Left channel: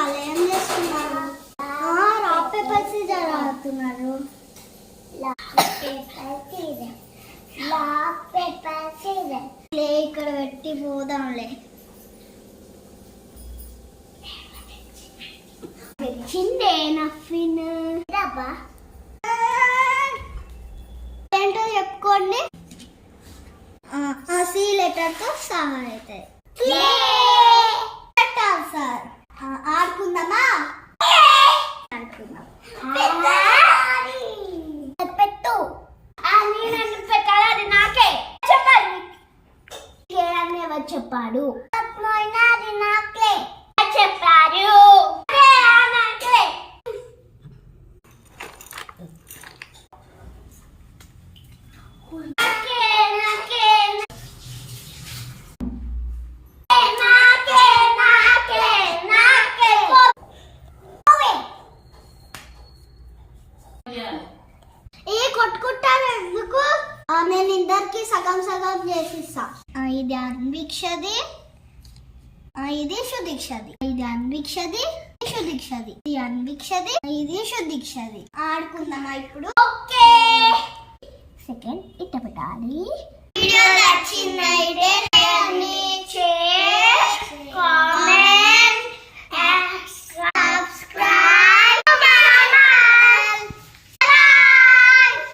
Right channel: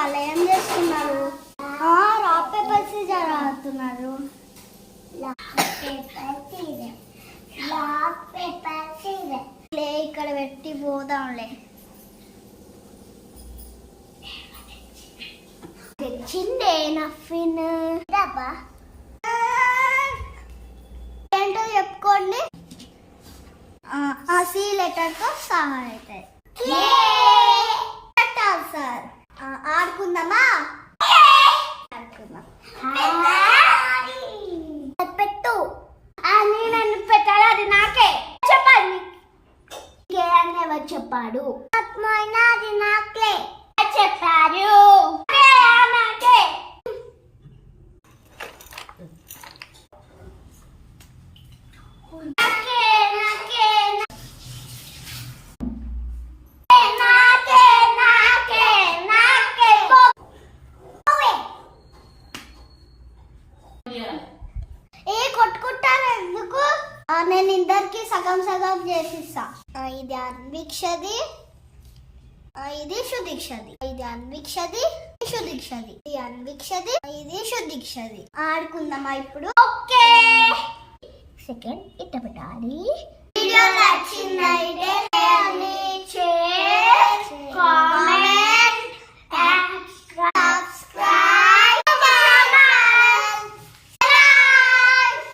వాళ్ళు ఏం చేస్తున్నారు? రాక్ పేపర్ సీజర్ ఆడుతున్నారు. ఇక్కడ పెట్టి పోదాంలే. తెచ్చిందే నఫిన్. ఏంటో చెప్పుకోండి. సి లెటర్ తో సహా అవుతాయి. సార్ ఆడుకుందామా? పెట్టు. నన్ను పెట్టాలి, అది నాకే చెప్పాలి. ఎవరు చెప్పాడు? అది నాకే చెప్పారు. కొట్టుకుంటారు ఎందుకు? నేను ఇద్దరికి సగం సగం చేసిస్తా. ఇది అన్వీక్షది, ఇది సుదీక్షది. ఇది అన్వీక్షది, సుదీక్షది. ఇది అన్వీక్షది, ఇది సుదీక్షది. ఆడుకుందామా ఇప్పుడు? ఓకే. సెకండ్ ఇట్ట పెట్టాలి. వీడియో నచ్చిందా?